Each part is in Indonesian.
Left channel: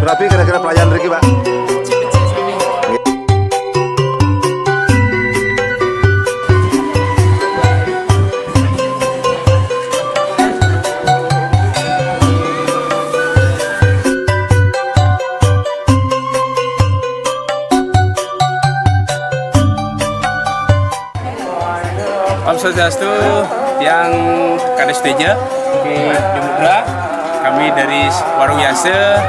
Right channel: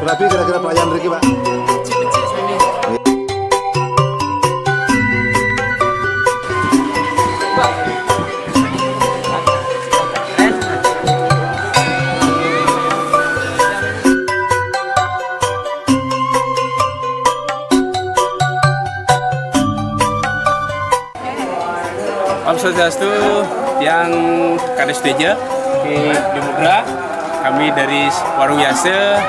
Berapa kira-kira pelayan Riki, Pak? Becik-becik sami. Om Swastiastu, yang Kades Teja di Mudra, kami dari Warung Yase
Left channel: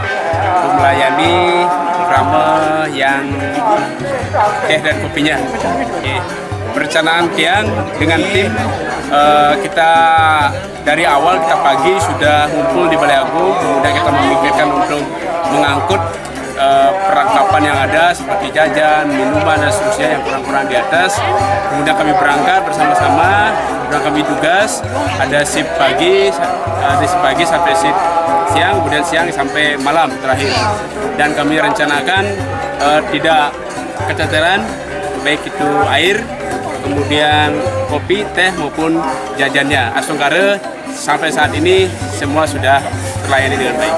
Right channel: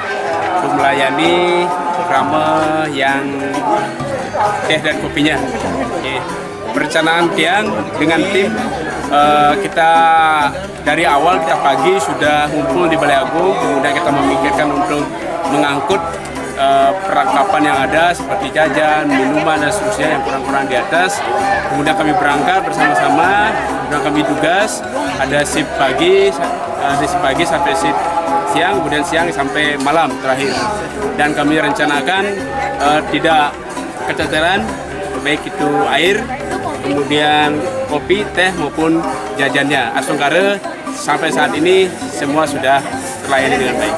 melayani programa yang teh dan kopinya. Perencanaan Tiang dengan tim kita dari awal kita pagi sudah ngumpul di Balai Agung, kemudian kita memikirkan untuk mengangkut perlengkapan yang ada seperti jajan, minuman dan seterusnya yang kurang-kurang di atas. Kemudian kami berangkat bersama-sama, kemudian kami tugas, ada shift pagi sampai shift siang, kemudian siang sampai malam terakhir. Dan kami rencanakan tidak keteteran, baik itu air, kemudian kopi, teh maupun jajannya. Asongkare sampai saat ini semua sudah terlayani dengan baik.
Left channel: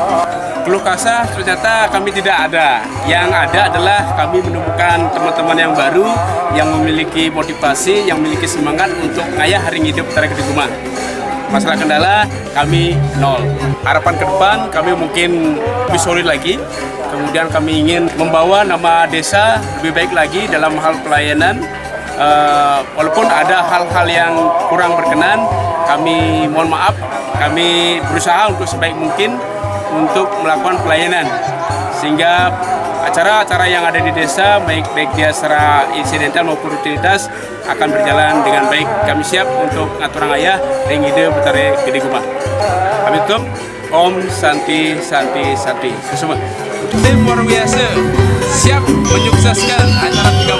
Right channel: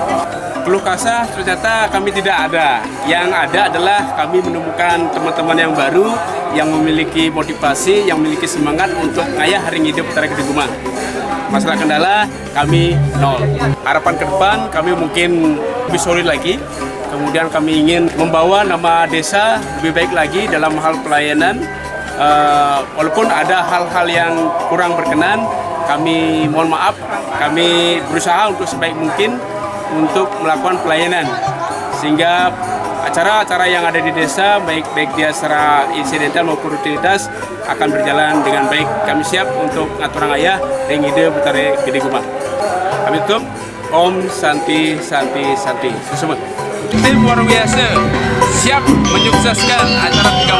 Keluh kesah ternyata kami tidak ada. Yang ada adalah kami menemukan teman-teman yang baru yang memiliki motivasi, yang memiliki semangat untuk ngayah hari hidup Tari Gede Guma. Masalah kendala kami nol. Harapan ke depan kami mungkin lebih solid lagi. Kemudian kami ingin membawa nama desa lebih baik lagi dalam hal pelayanan. Walaupun ada hal-hal yang kurang berkenan, kami mohon maaf. Kami berusaha untuk sebaik mungkin untuk melakukan pelayanan sehingga acara-acara yang ada di desa baik dia secara insidental maupun rutinitas akan berjalan dengan baik. Kami siap untuk ngaturang ayah ring ide Betari Gede Guma. Kami tutup. Om Santi Santi Santi. Semua tim Warung Yase siap menyukseskan acara 3